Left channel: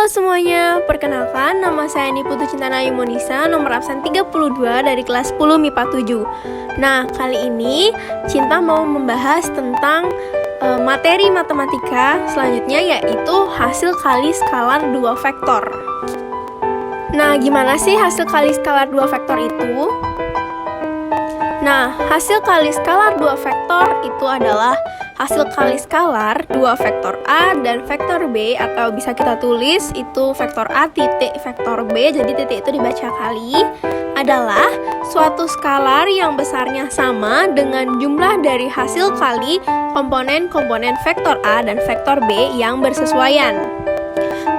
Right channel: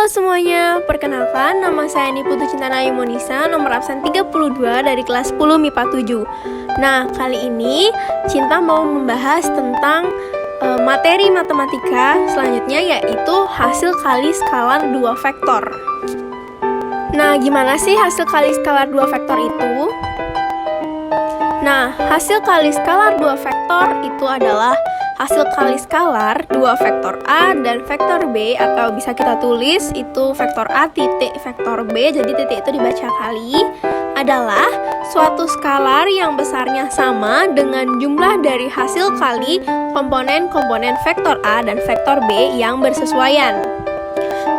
Halo semuanya, perkenalkan nama saya Niputu Cintanayu Monisa, nomor absen 32 dari kelas 10 MIPA 7. Nah, kali ini Cinta mau membahas tentang materi matematika selanjutnya, yaitu hasil kali skalar 2 vektor. Nah, gimana sih hasil kali skalar 2 vektor itu? Nah, hasil kali skalar 2 vektor itu adalah hasil kali skalar 2 vektor A dan vektor B, atau bisa kita tulis itu vektor A titik vektor B, jadi titik itu dibaca kali, adalah suatu skalar yang besarnya sama dengan jumlah dari hasil kali komponen-komponen vektor A dan vektor B yang bersesuaian.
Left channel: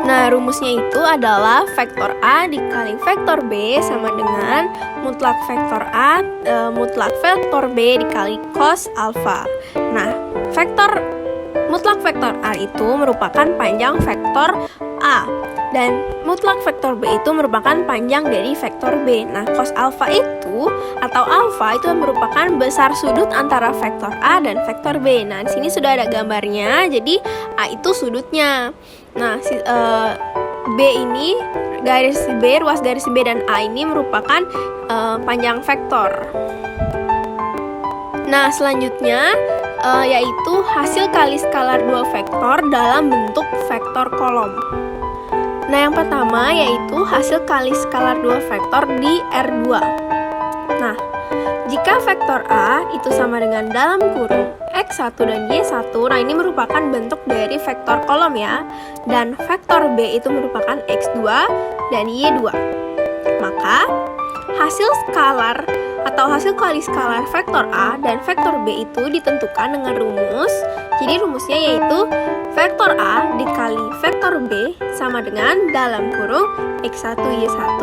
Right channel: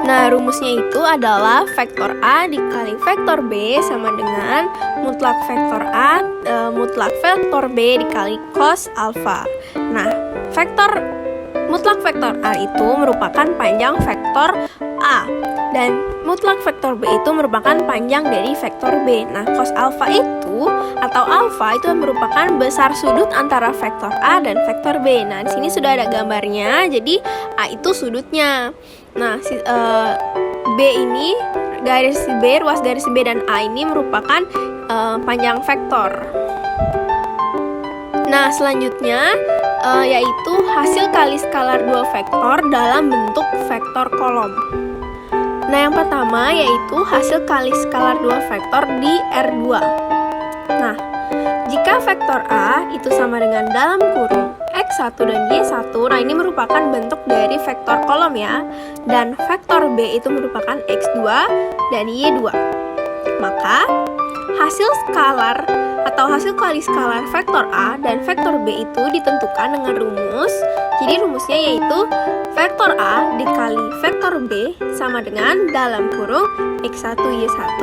Nah, rumusnya itu adalah vektor A dikali vektor B sama dengan mutlak vektor A mutlak vektor B dikali cos alfa. Nah, mutlak vektor A itu merupakan panjang vektor A dan mutlak vektor B itu merupakan panjang dari vektor B. Nah, cos alfa itu atau alfa itu merupakan besar sudut antara vektor A dan vektor B. Nah, di sini sudah ada gambarnya. Jadi A itu sudutnya. Nah, B ini ruas garis B dan A ini merupakan panjang vektor. Nah, selanjutnya yaitu hasil kali skalar 2 vektor dalam bentuk vektor kolom. Nah, yang pertama yaitu hasil kali skalar 2 vektor di R2. Nah, jika vektor A itu sama dengan dalam kurung X1 dan Y1, nah ini merupakan bentuk dari vektor kolom ya. Dan vektor B itu merupakan X2 dan Y2. Maka hasil skalar atau hasil kali skalar vektor A dan vektor B itu ditentukan dengan rumus. Jadi rumusnya yaitu vektor A dikali vektor B sama dengan dalam kurung X1 Y1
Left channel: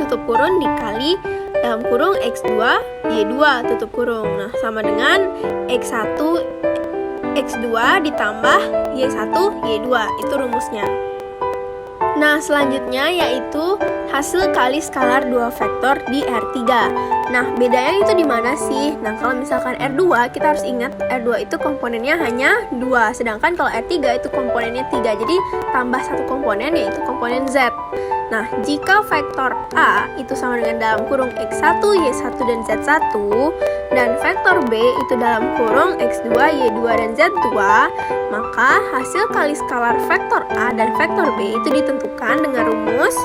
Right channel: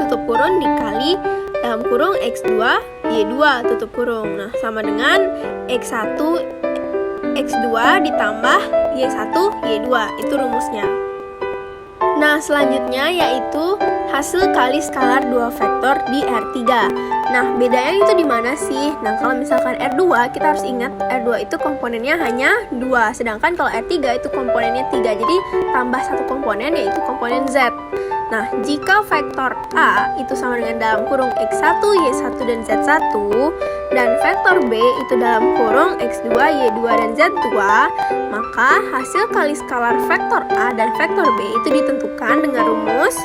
tutup kurung dikali dalam kurung X2 Y2 tutup kurung. Nah, sama dengan X1 X2 ditambah Y1 Y2, itu rumusnya. Nah, selanjutnya yaitu hasil kali skalar 2 vektor di R3. Nah, bedanya itu di mana sih? Nah, kalau misalkan R2, kita harus ingat R2 itu komponennya hanya 2, sedangkan kalau R3 itu komponennya 3. Jadi, tambah satu komponen yaitu komponen Z. Nah, jika vektor A itu sama dengan dalam kurung X1, Y1, dan Z1, dan vektor B itu dalam kurung X2, Y2, dan Z2, maka hasil kali skalar vektor A dan vektor B itu ditentukan dengan rumus.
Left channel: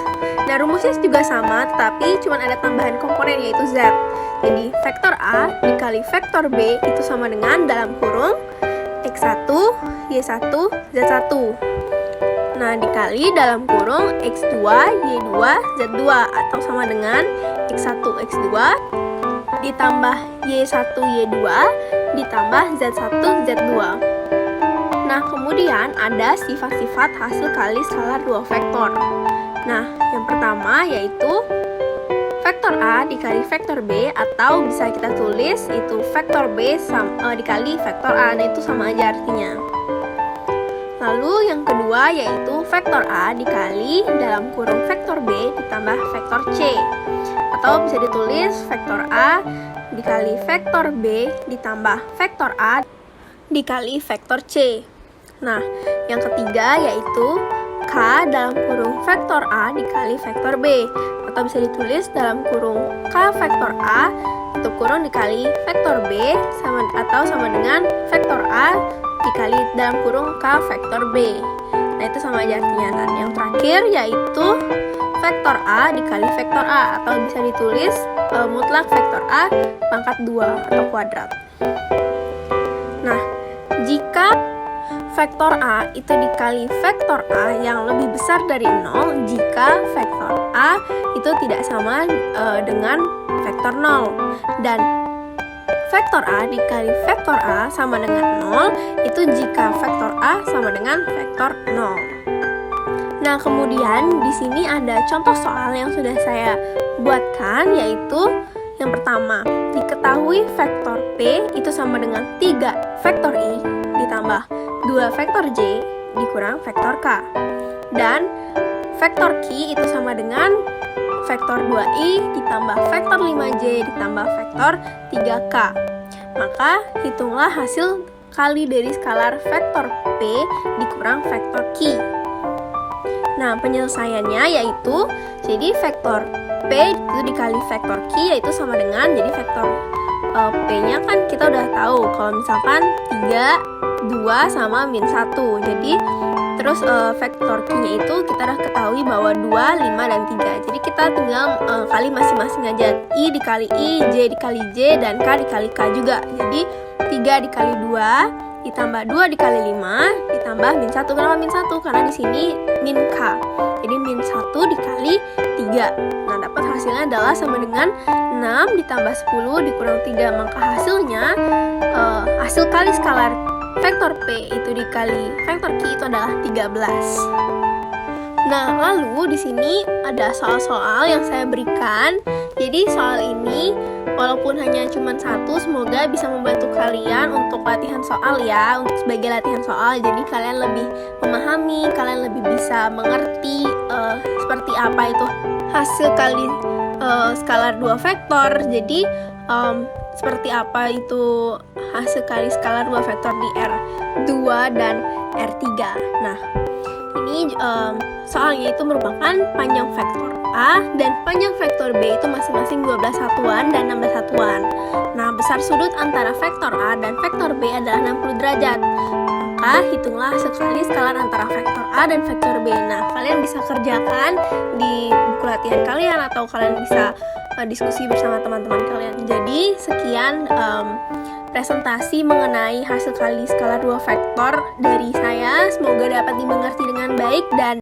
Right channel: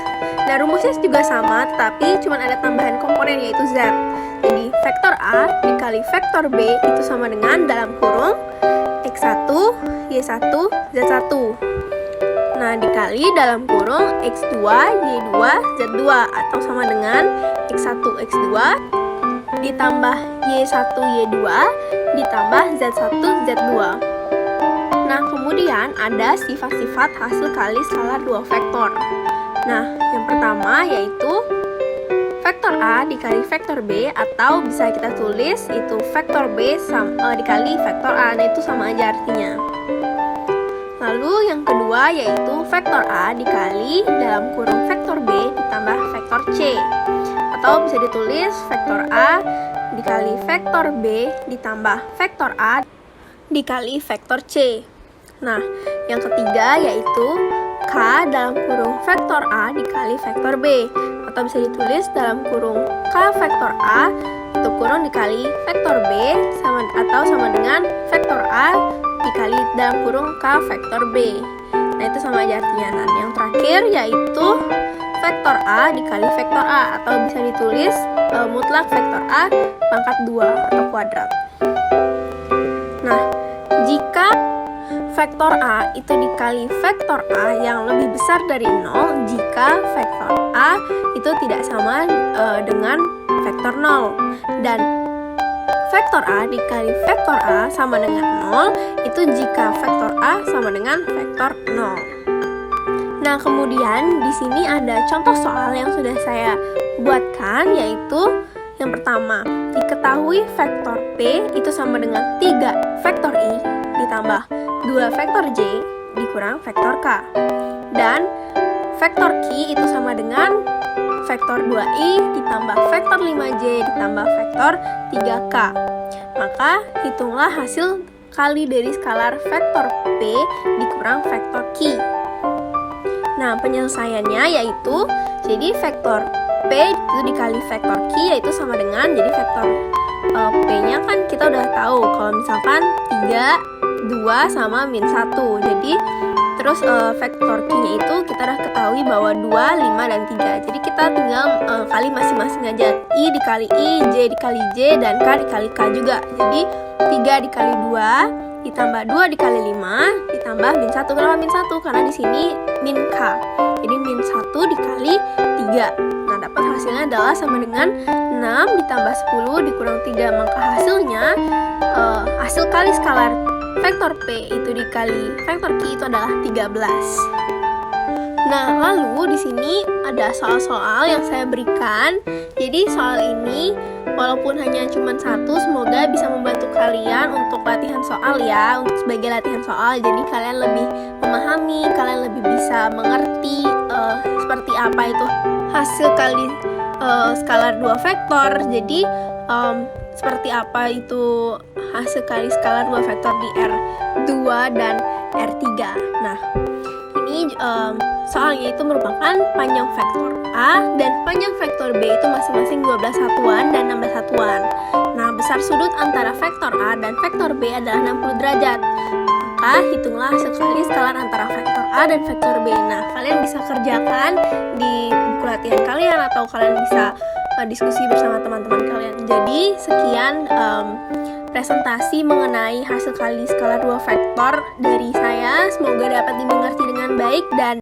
Nah, rumusnya juga sama, tetapi cuma ada tambahan komponen yaitu Z. Jadi, vektor A dikali vektor B itu sama dengan dalam kurung X1, Y1, Z1. Nah, dikali dalam kurung X2, Y2, Z2, atau sama dengan X1, X2 ditambah Y1, Y2 ditambah Z1, Z2. Nah, kemudian ada sifat-sifat hasil kali skalar 2 vektor. Nah, yang pertama yaitu vektor A dikali vektor B, atau bisa kita tulis itu vektor B dikali vektor A. Nah, itu sama aja artinya. Lalu yang kedua yaitu vektor A dikali dalam kurung vektor B ditambah vektor C, atau bisa ditulis vektor A dikali vektor B ditambah vektor A dikali vektor C. Nah, yang ketiga yaitu K dalam kurung vektor A dikali vektor B, atau bisa ditulis dalam kurung K vektor A itu kurung dikali vektor B atau sama dengan vektor A dikali dalam kurung K vektor B. Nah, itu sama aja artinya. Nah, yang terakhir yaitu vektor A dikali vektor A, atau bisa ditulis mutlak vektor A pangkat 2 atau kuadrat. Nah, jika vektor A itu dikali vektor A yang lebih besar dari 0 jika vektor A itu tidak sama dengan vektor 0, dan vektor A dikali vektor A sama dengan 0 itu jika vektor A sama dengan vektor 0. Nah, kemudian di sini ada contoh soal yang sudah saya buatkan, yaitu yang pertama, diketahui vektor P itu sama dengan 3 vektor I ditambah 2 vektor J dikurang vektor K. Dan vektor Q itu sama dengan vektor 2i ditambah vektor 5j ditambah vektor 3k. Maka hitunglah hasil kali dari skalar vektor P dikurang vektor Q. Nah, penyelesaiannya yaitu jadi vektor P itu dikali vektor Q yaitu sama dengan, jadi vektor P-nya kan kita udah tahu kalau misalkan 3, 2 sama min 1. Jadi terus vektor Q-nya itu kita udah ketahui bahwa 2, 5, dan 3. Jadi kita tinggal kali masing-masing aja. I dikali I, J dikali J, dan K dikali K juga. Jadi 3 dikali 2 ditambah 2 dikali 5 ditambah min 1. Kenapa min 1? Karena di sini min K. Jadi min 1 dikali 3. Nah, dapat hasilnya adalah sama dengan 6 ditambah 10 dikurang 3. Maka hasilnya hasil kali skalar vektor P itu dikali vektor Q itu adalah 13. Nah, lalu di sini ada soal-soal yang saya berikan. Jadi soal ini walaupun hanya cuma satu, semoga bisa membantu kalian untuk latihan soal ya, untuk sebagai latihan soal. Jadi kalian lebih memahami, kalian lebih bisa mengerti seperti apa itu hasil kali skalar dua vektor. Jadi seperti apa itu hasil kali skalar dua vektor di R2 dan R3. Nah, ini soalnya itu merupakan panjang vektor A dan panjang vektor B itu masing-masing 12 satuan dan 16 satuan. Nah, besar sudut antara vektor A dan vektor B adalah 60 derajat. Maka hitunglah hasil kali skalar antara vektor A dan vektor B. Nah, kalian bisa kerjakan di buku latihan kalian atau kalian bisa diskusi bersama teman-teman kalian. Jadi, sekian presentasi mengenai hasil kali skalar dua vektor dari saya. Semoga dapat dimengerti dengan baik dan